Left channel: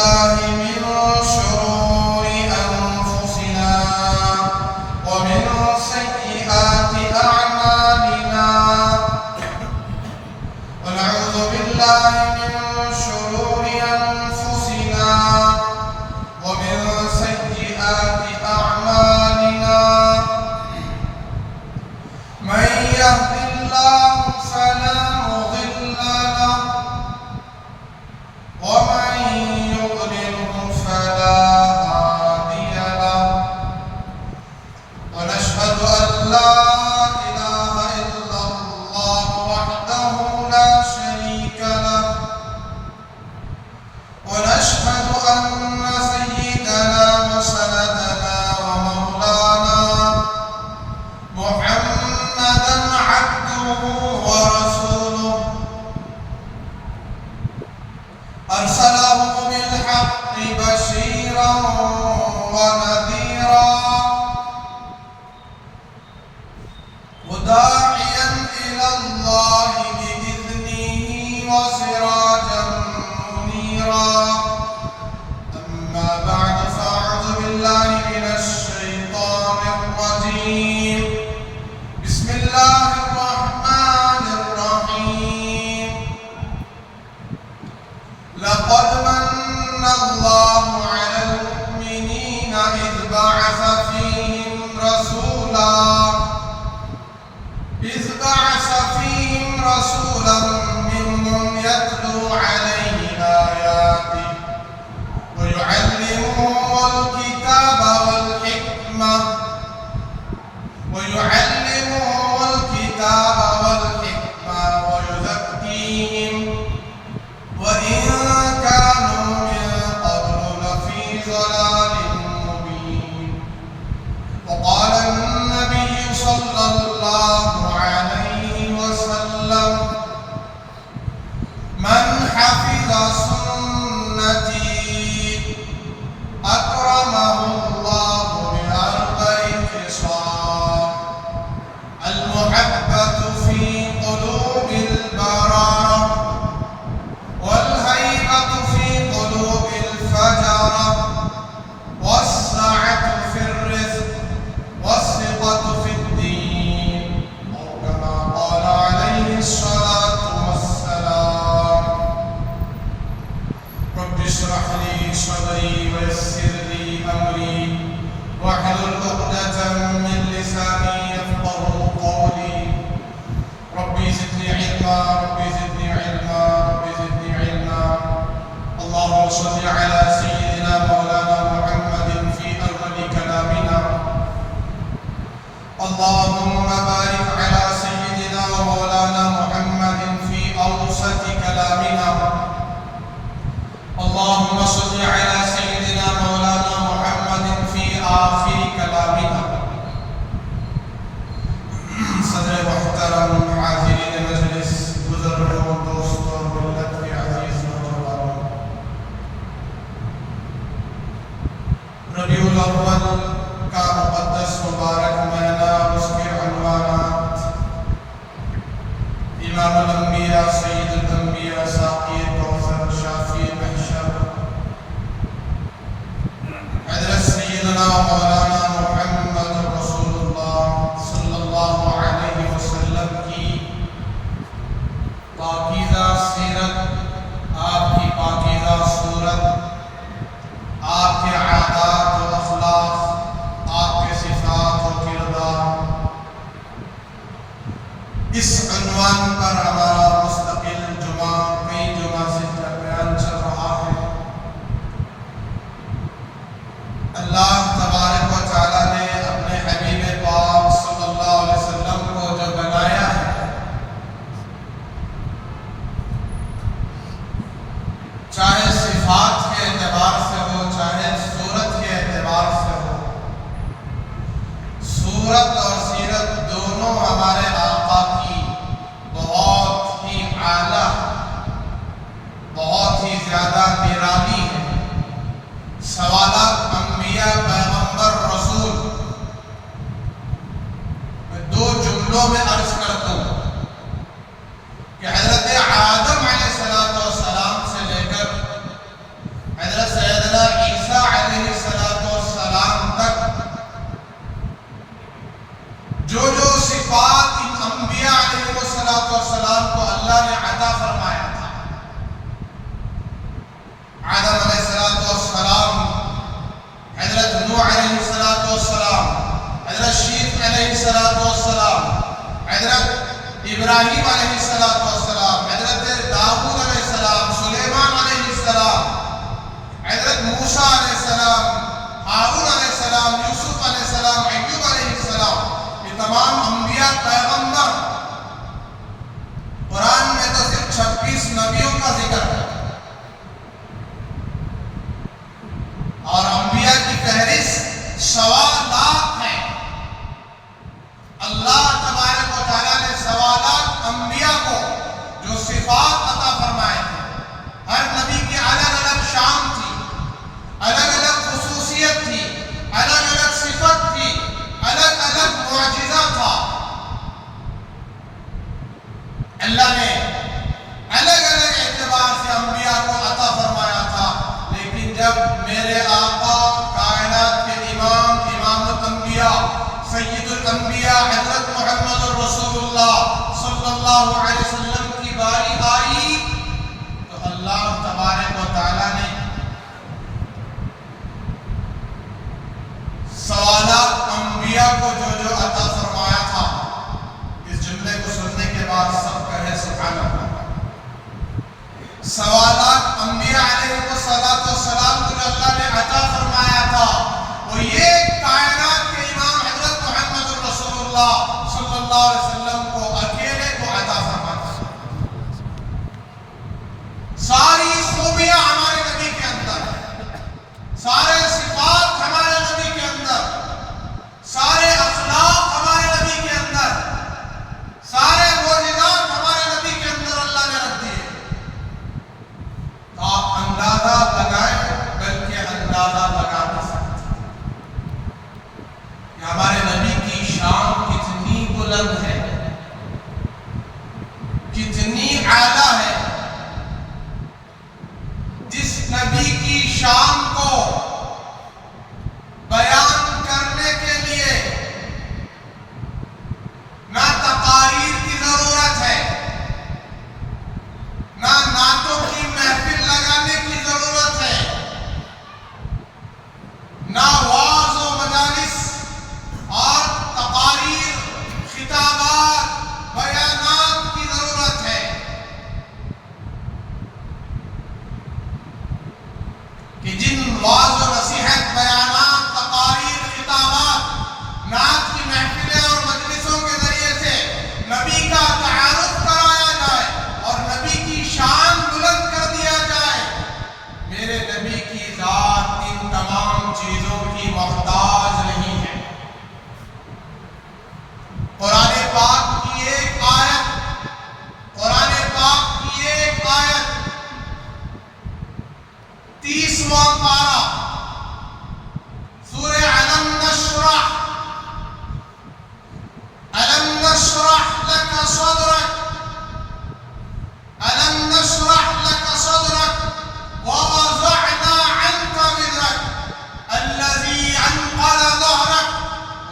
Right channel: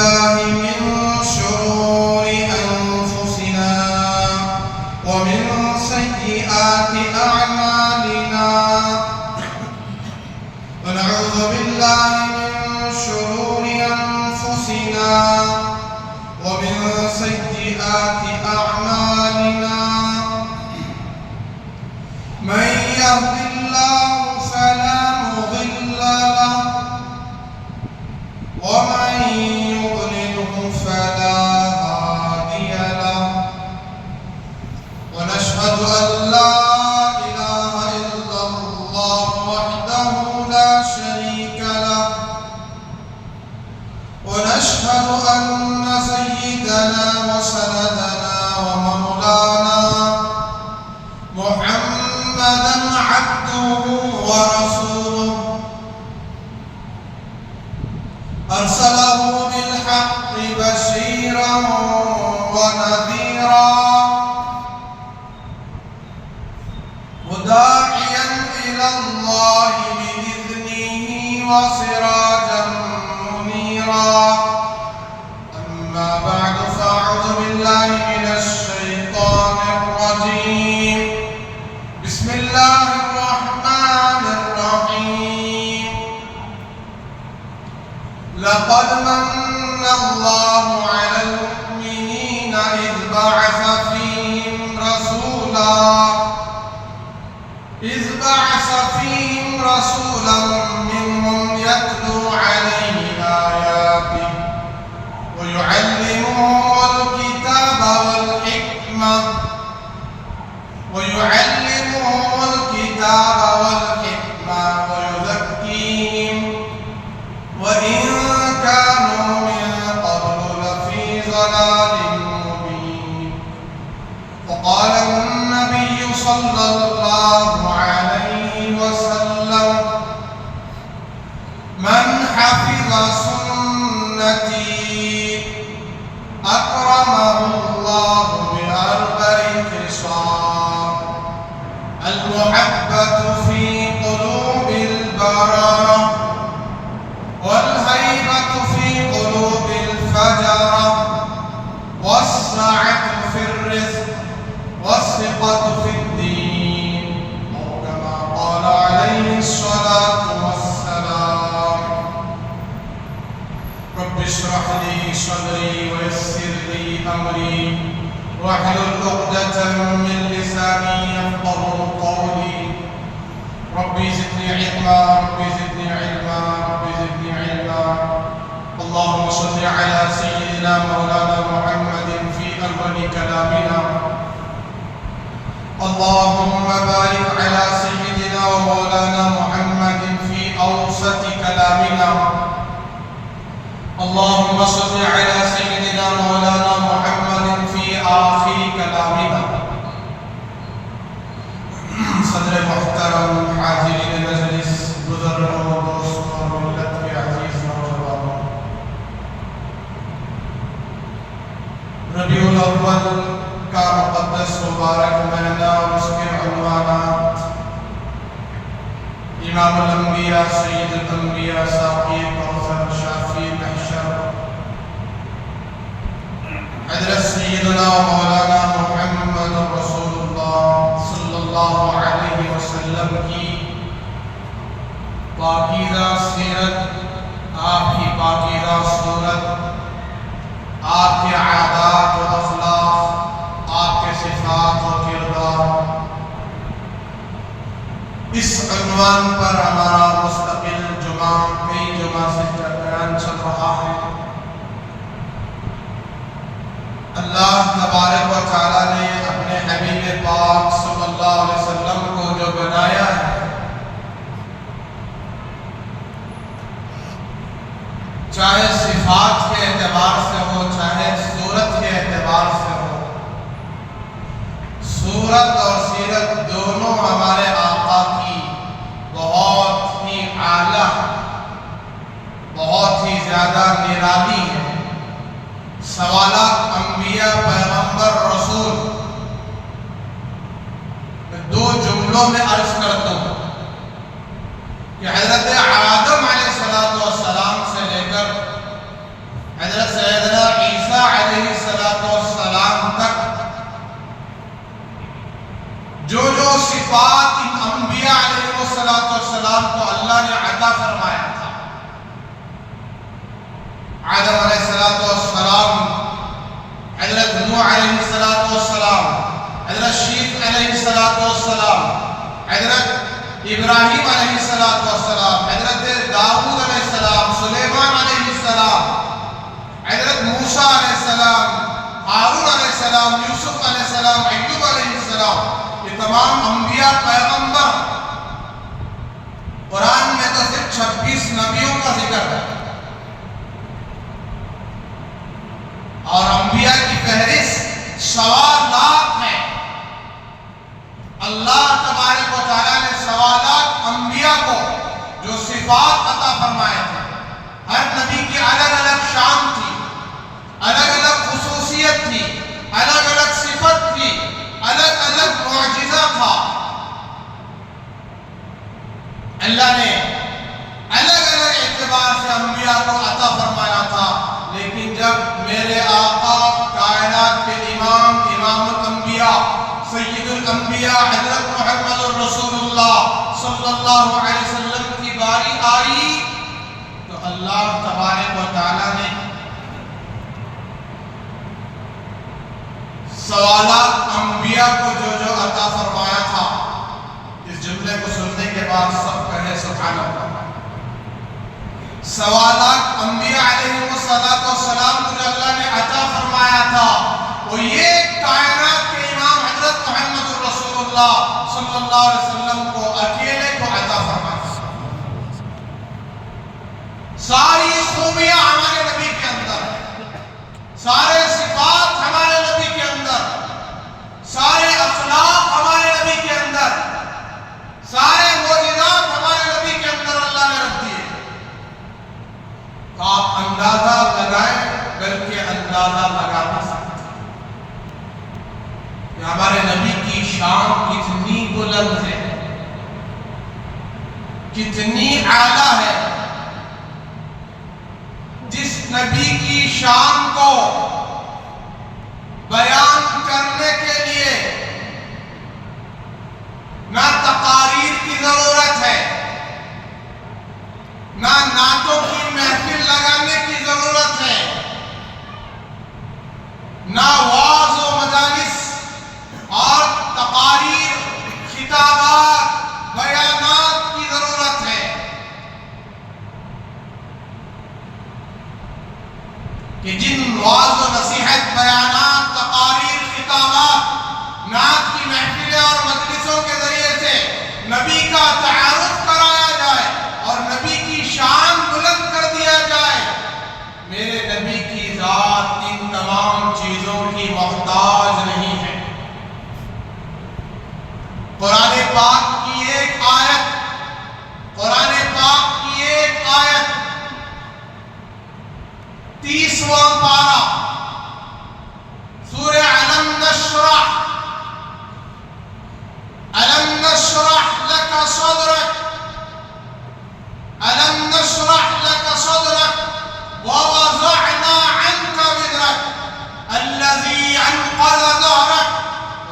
بالله من شرور أنفسنا ومن سيئات أعمالنا ونعوذ بالله من شرور أنفسنا ومن سيئات أعمالنا من يهد الله فلا مضل له ومن يضلله فلا هادي له ونشهد أن لا إله إلا الله وحده لا شريك له ونشهد أن سيدنا وسندنا ومولانا محمدا عبده ورسوله أرسله بالحق بشيرا ونذيرا وداعيا إلى الله بإذنه وسراجا منيرا أما بعد فأعوذ بالله من الشيطان الرجيم بسم الله الرحمن الرحيم لقد من الله على المؤمنين إذ بعث فيهم رسولا منهم يتلو عليهم آياته ويعلمهم الكتاب والحكمة ويزكيهم وإن كانوا من قبل لفي ضلال مبين وقال النبي صلى الله عليه وسلم من حفظ سنتي أكرمه الله بأربع خصال المحبة في قلوب البررة والهيبة في قلوب الفجرة والسعة في الرزق والثقة في الدين أو كما قال عليه الصلاة والسلام رب اشرح لي صدري ويسر لي أمري واحلل عقدة من لساني يفقهوا قولي ربي زدني علما اللهم صل على سيدنا مولانا محمد في أول كلامنا اللهم بارك على سيدنا ومولانا محمد في أوسط كلامنا اللهم صل على سيدنا مولانا محمد في آخر كلامنا صدر محترم حاضرین مجلس بزرگوں دوستوں ملت کے عزیز نوجوانوں ربیع الاول کا مقدس مبارک مہینہ اس کے عنوانات امام الانبیاء سید الانبیاء ساقی کوثر شافی محشر حضرت سیدنا مولانا محمد رسول اللہ صلی اللہ علیہ وسلم کی پاکیزہ سیرت آپ کی پاکیزہ صورت آپ کے عادات و اخلاق آپ کے صفات و کردار اس عنوان پر ہمارا مستقل کئی جمعہ سے بیان چل رہا ہے اللہ تبارک و تعالیٰ نے اپنے حبیب پاک صلی اللہ علیہ وسلم کو جو بنایا ہے چاہے صفات کے اعتبار سے ہو چاہے صورت کے اعتبار سے ہو صورت اور سیرت دونوں ہمارے آقا کی بہت ہی اعلیٰ بہت ہی زیادہ نرالی ہے سوالات انبیاء پیغمبر رسول میں دو جملوں میں عرض کرتا ہوں کہ حضرت آدم علیہ السلام سے لے کر حضرت صفات ان انبیاء علیہ السلام کو اللہ نے عطا فرمایا تھا. آدم علیہ السلام، حضرت نوح علیہ السلام، حضرت شیخ علیہ السلام، حضرت ابراہیم علیہ السلام، حضرت داؤد علیہ السلام، سلیمان علیہ السلام، حضرت موسیٰ علیہ السلام، ہارون علیہ السلام، یوسف علیہ السلام، ایوب علیہ السلام، یہ تمام انبیاء پیغمبر. قرآن میں تو صرف 26 نبیوں کا ذکر ہے اور انبیاء کی فہرست 100,000 ہے. اللہ تبارک و تعالیٰ نے 100,000 انبیاء کو جو صفات عطا فرمائے تھے. ہر نبی کی الگ الگ شان تھی، الگ الگ خصوصیت تھی، الگ الگ صفت تھی، الگ الگ معجزہ تھا. اللہ نے الگ الگ اعتبار سے انبیاء کو عطا فرمایا تھا. لیکن جب میرے آقا کائنات کے امام الانبیاء سید الانبیاء حضرت محمد رسول اللہ صلی اللہ علیہ وسلم کی باری آئی تو اللہ تبارک و تعالیٰ نے سوالات انبیاء کو جو عطا فرمایا تھا. اس جملے کو سننے کے بعد سب کہے سبحان اللہ. سوالات انبیاء علیہ السلام کو جو اللہ نے عطا فرمایا تھا وہ یہ کائنات کے امام حضرت محمد رسول اللہ صلی اللہ علیہ وسلم کو اکیلے کو عطا فرمایا. ساری خوبیاں ہمارے نبی کے اندر، سارے صفات ہمارے نبی کے اندر، سارے اخلاق ہمارے نبی کے اندر، سارے معجزات ہمارے نبی کے اندر اللہ نے رکھ دیے. آپ اندازہ لگائیں بلکہ اندازہ لگا نہیں سکتے کہ ہمارے نبی کی شان کتنی بلند ہے، کتنی اعلیٰ ہے. جس نبی کی شان کو بیان کرنے کے لیے نہ تقاریر کی ضرورت ہے، نہ نعتوں کی محفل لگانے کی ضرورت ہے، نہ وعظ و مجالس اور تقاریر، خطابات، بیانات کی ضرورت ہے کہ جن وعظ و نصیحت، بیانات، تقاریر، خطابات، نعت کی محفلیں اور مجلسوں کے ذریعے سے نبی کا تعارف کرایا جائے اور نبی کی شان بلند کر دیا جائے. میرے نبی کی ذات ان تمام چیزوں کی محتاج نہیں ہے. قرآن پاک کی ایک آیت، قرآن پاک کی ایک آیت 30واں پارہ سورہ علم نشرح لك صدرك ألم نشرح لك صدرك ووضعنا عنك وزرك الذي أنقض ظهرك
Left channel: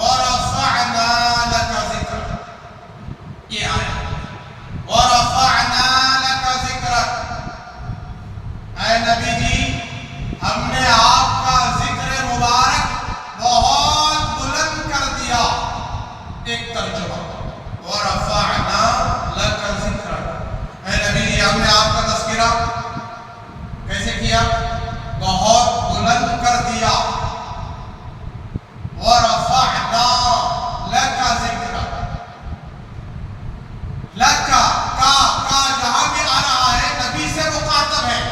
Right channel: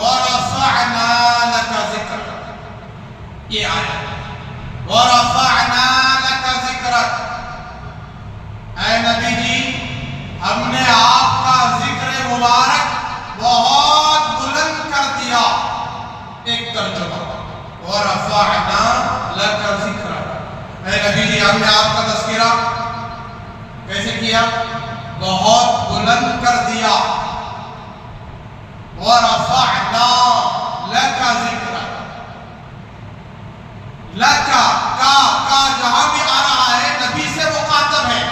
ورفعنا لك ذكرك. یہ آیت ورفعنا لك ذكرك، اے نبی جی ہم نے آپ کا ذکر مبارک بہت بلند کر دیا. ایک ترجمہ وَرَفَعْنَا لَكَ ذِكْرَكَ، اے نبی جی ہم نے آپ کا تذکرہ کیسے کیا؟ بہت بلند کر دیا. وَرَفَعْنَا لَكَ ذِكْرَكَ، لَكَ کا جہاں بھی آ رہا ہے نبی سے مخاطب ہے،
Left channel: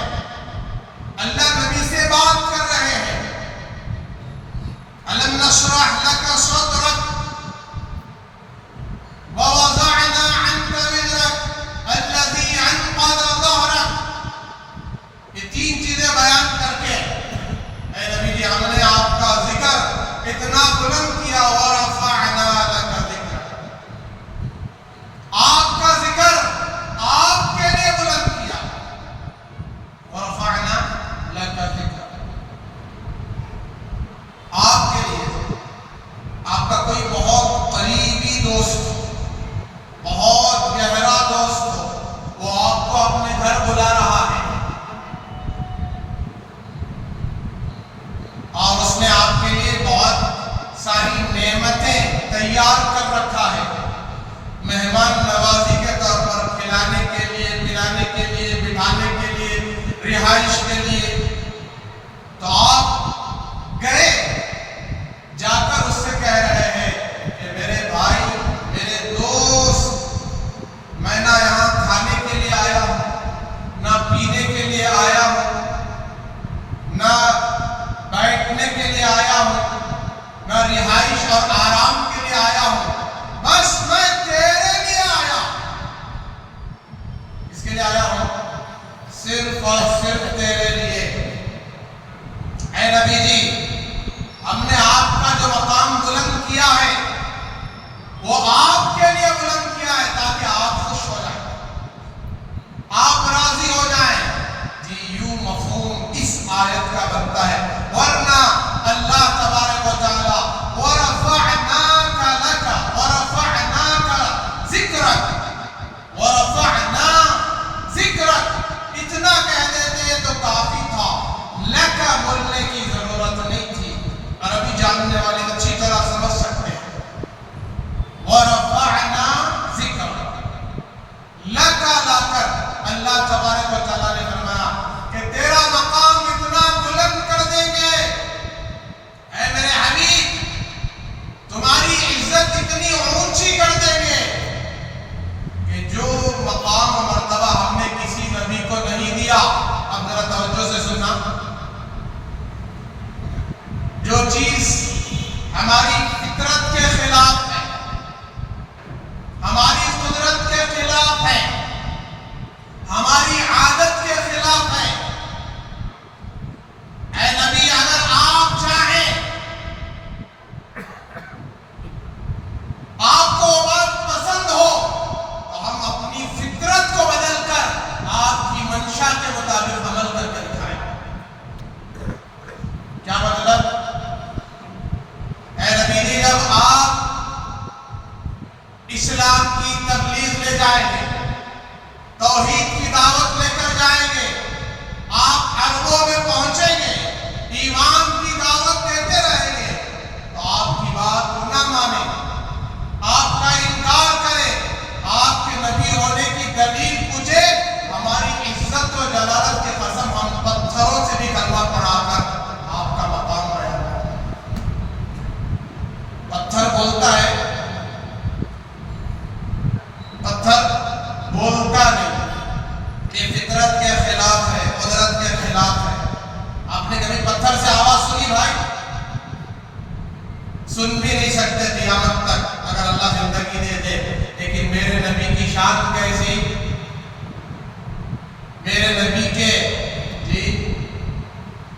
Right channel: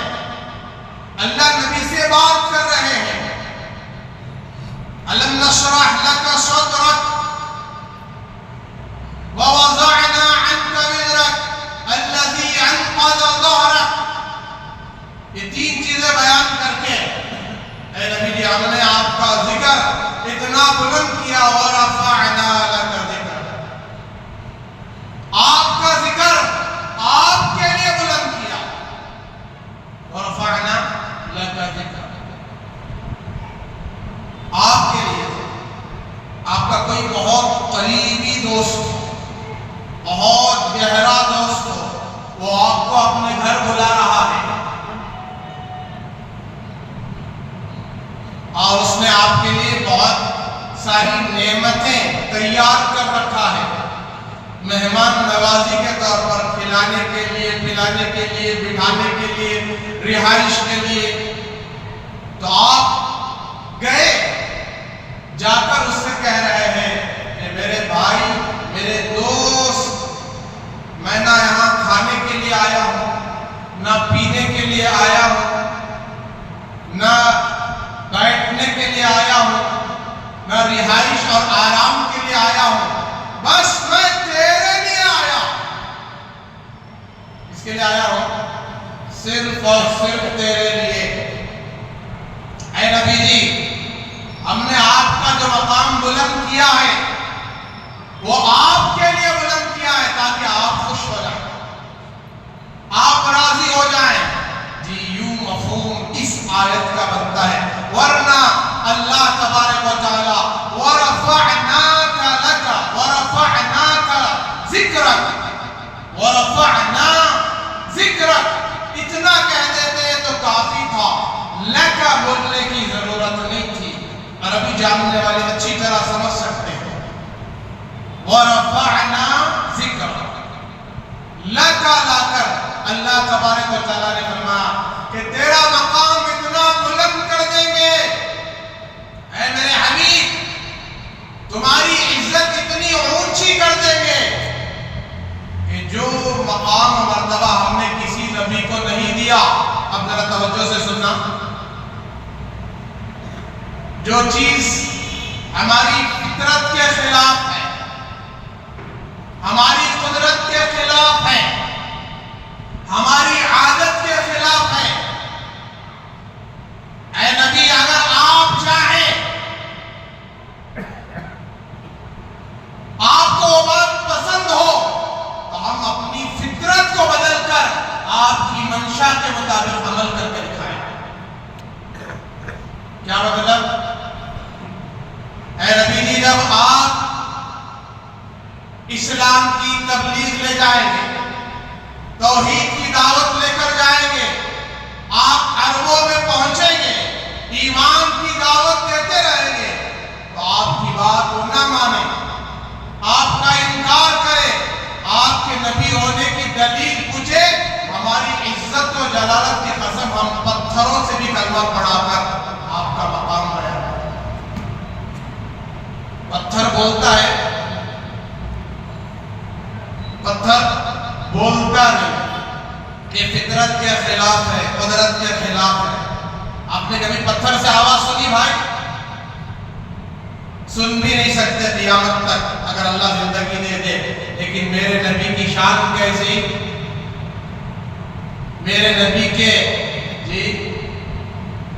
اللہ نبی سے بات کر رہے ہیں. أَلَمْ نَشْرَحْ لَكَ صَدْرَكَ وَوَضَعْنَا عَنْكَ وِزْرَكَ الَّذِي أَنْقَضَ ظَهْرَكَ. یہ تین چیزیں بیان کر کے اے نبی جی ہم نے آپ کا ذکر اتنا بلند کیا. وَرَفَعْنَا لَكَ ذِكْرَكَ، آپ کا ذکر آپ کے لیے بلند کیا. وَرَفَعْنَا لَكَ ذِكْرَكَ، آپ کے لیے. آپ کا کوئی بہت قریبی دوست اور اس نے آپ کے لیے بہت ساری نعمتیں تیار کر رکھا ہے، مہمان نوازی کے طور پر، کھلانے کے لیے، پلانے کے لیے، بٹھانے کے لیے، رہائش کے لیے۔ تو آپ گئے، جا کر اس سے کہہ رہے ہیں کہ میرے بھائی، میرے دوست، میں نہ یہاں کھانے کے لیے آیا ہوں، نہ پینے کے لیے آیا ہوں، نہ بیٹھنے کے لیے آیا ہوں، نہ رہائش اور آرام کے لیے آیا ہوں، بس میں تیرے لیے آیا۔ اس کے لیے آیا ہوں، صرف اور صرف تیرے لیے۔ اے نبی جی، ہم نے آپ کا جو مقام بلند کیا ہے وہ آپ کے لیے بلند کیا ہے تاکہ آپ خوش ہو جائیں، آپ راضی ہو جائیں۔ جی یوں مفہوم اس آیت کا بنتا ہے، ورنہ اللہ تبارک و تعالی وَرَفَعْنَاكَ لَكَ وَرَفَعْنَاكَ ذِكْرَكَ وَرَفَعْنَا ذِكْرَكَ اتنا کہہ دیتے تو کافی تھا، لَكَ بولنے کی ضرورت نہیں تھی۔ عربی جاننے والے اچھی طرح سمجھ سکتے ہیں۔ وَرَفَعْنَا ذِكْرَكَ لَكَ لا کر اللہ تبارک و تعالیٰ نے فرمایا کہ تیرا مقام اتنا بلند کر دیں گے، اے میرے حبیب، تمہاری عزت اتنی اونچی کر دیں گے کہ جو مقام و مرتبہ ہم نے کسی نبی کو نہیں دیا۔ اب ذرا توجہ سے سننا، جو چیز ہماری فطرت کے خلاف ہے، ہماری قدرت کے خلاف ہے، ہماری عادت کے خلاف ہے، اے نبی اگر آپ چاہیں، آپ کو وہ بات پسند ہو تو ہم اپنی فطرت کو بدل کر آپ کی منشا کے مطابق عمل کر کے دکھائیں۔ کیا مطلب؟ اے نبی جی، جب آپ اسلام کی تبلیغ لے جائیں گے، توحید کی دعوت لے کر جائیں گے، آپ عربوں میں پہنچیں گے، ایمان کی دعوت دیتے رہیں گے، تو آپ کی بات وہ نہ مانے، آپ کا انکار کرے، آپ کے نبی ہونے کی دلیل پوچھے، ہماری عزت و جلالت کی قسم ہم پتھروں سے بھی کلمہ پڑھا کر آپ کا مقام بیان کریں۔ پتھر بولتا ہے، پتھر بولتا نہیں، یہ فطرت کے خلاف ہے، قدرت کے خلاف ہے۔ آپ نے کبھی پتھر سے آواز سنی بھائی؟ سن بھی نہیں سکتے قیامت تک اگر اللہ زندگی دے دے۔ لیکن میرے نبی کی شان کیسی، میرے نبی کے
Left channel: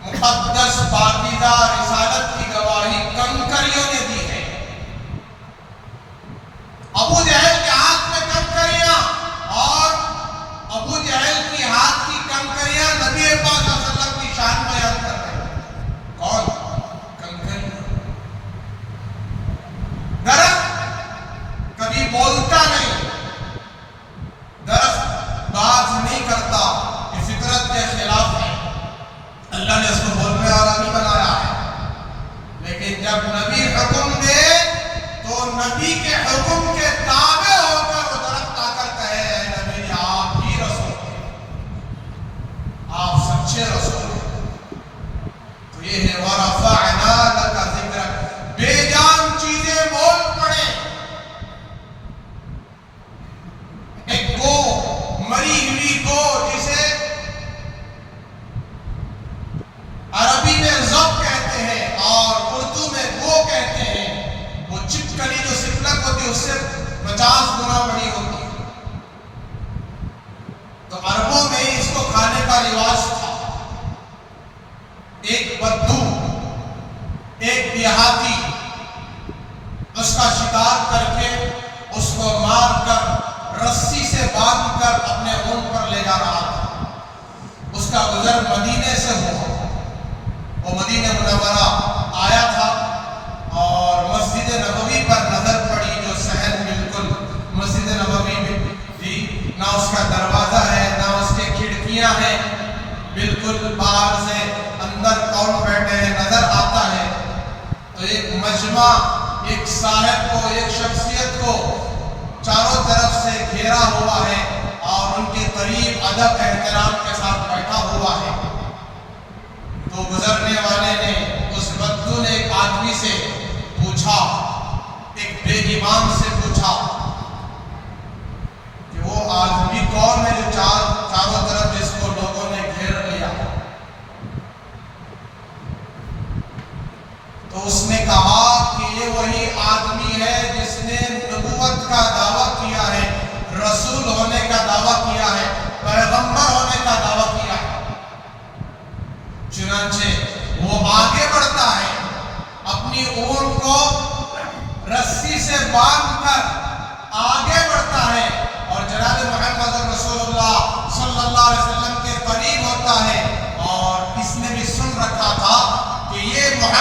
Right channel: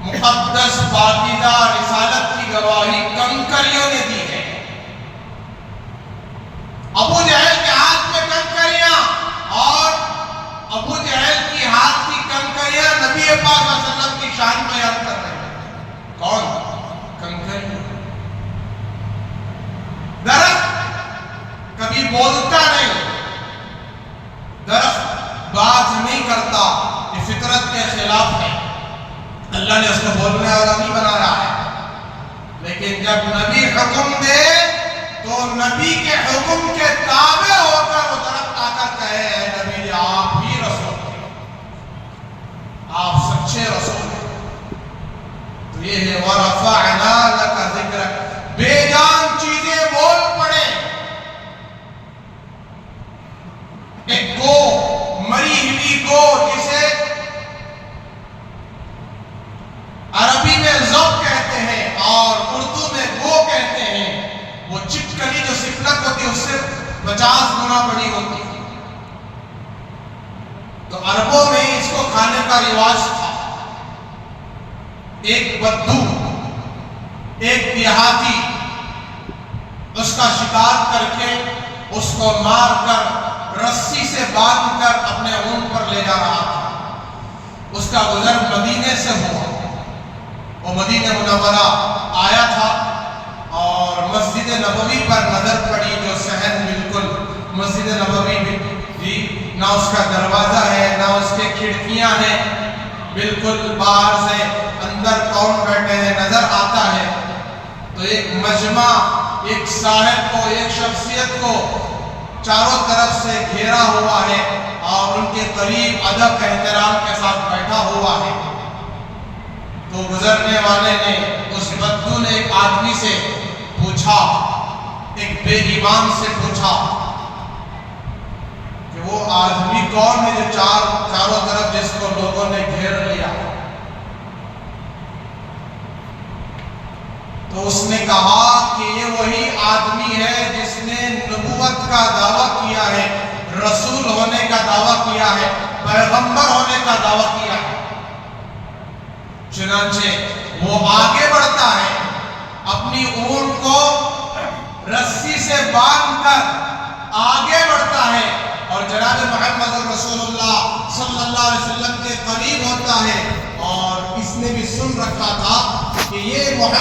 مقدس پاکیزہ رسالت کی گواہی کنکریوں نے دی ہے۔ ابو جہل کے ہاتھ میں کنکریاں، اور ابو جہل کی ہاتھ کی کنکریاں نبی پاک صلی اللہ علیہ وسلم کی شان بیان کر رہے ہیں۔ کون؟ کنکریاں۔ درخت کبھی بولتا نہیں، درخت بات نہیں کرتا، یہ فطرت کے خلاف ہے، اللہ نے اس کو بولنے والا نہیں بنایا ہے۔ لیکن جب نبی حکم دے تو نبی کے حکم کے تابع ہو کر وہ درخت آ کر کہے، اے نبی جی آپ ہی رسول ہیں، آپ سچے رسول ہیں۔ تو یہ ہے وَرَفَعْنَا لَكَ ذِكْرَكَ، بے جان چیزیں بول پڑے، ایک گو، مری ہوئی گو جسے عربی میں ضب کہتے ہیں اور اردو میں گو کہتے ہیں، وہ چپکلی جو سفلک ہوتی ہے اس سے 50 گنا بڑی ہوتی ہے۔ تو عربوں میں اس کو کھانے کا رواج تھا۔ ایک بدو، ایک دیہاتی اس کا شکار کر کے اس کو مار کر رسی سے باندھ کر اپنے اونٹ پر لے جا رہا تھا۔ اس کا گزر مدینے سے ہوا، وہ مدینہ منورہ آیا تھا اور مسجد نبوی پر نظر پڑی، جو صحن بالکل مسجد نبوی میں جی نہ اس کا دروازہ ہے نہ اس کے کھڑکیاں ہیں، بالکل باہر سے اندر کون بیٹھے ہیں نظر آتا مجمع ایک صاحب کو، ایک شخصیت کو چاروں طرف سے گھیرا ہوا ہے اور ان کے قریب ادب احترام کے ساتھ بیٹھا ہوا ہے۔ تو گزرنے والے نے، اس بدو نے ایک آدمی سے پوچھا، ایک بے ایمان سے پوچھا کہ وہ آدمی کون ہے جو چاروں طرف جس کو لوگوں نے گھیر لیا؟ تو اس نے کہا کہ یہ وہی آدمی ہے جس نے نبوت کا دعویٰ کیا ہے، رسول ہونے کا دعویٰ کیا ہے، پیغمبر ہونے کا دعویٰ کیا ہے۔ چنانچہ وہ آگے بڑھتا ہے، اپنی اونٹ کو رسی سے باندھ کر آگے بڑھتا ہے اور جناب محمد رسول اللہ صلی اللہ علیہ وسلم کے قریب ہوتا ہے، اور اس نے بھی سن رکھا تھا کہ یہ محمد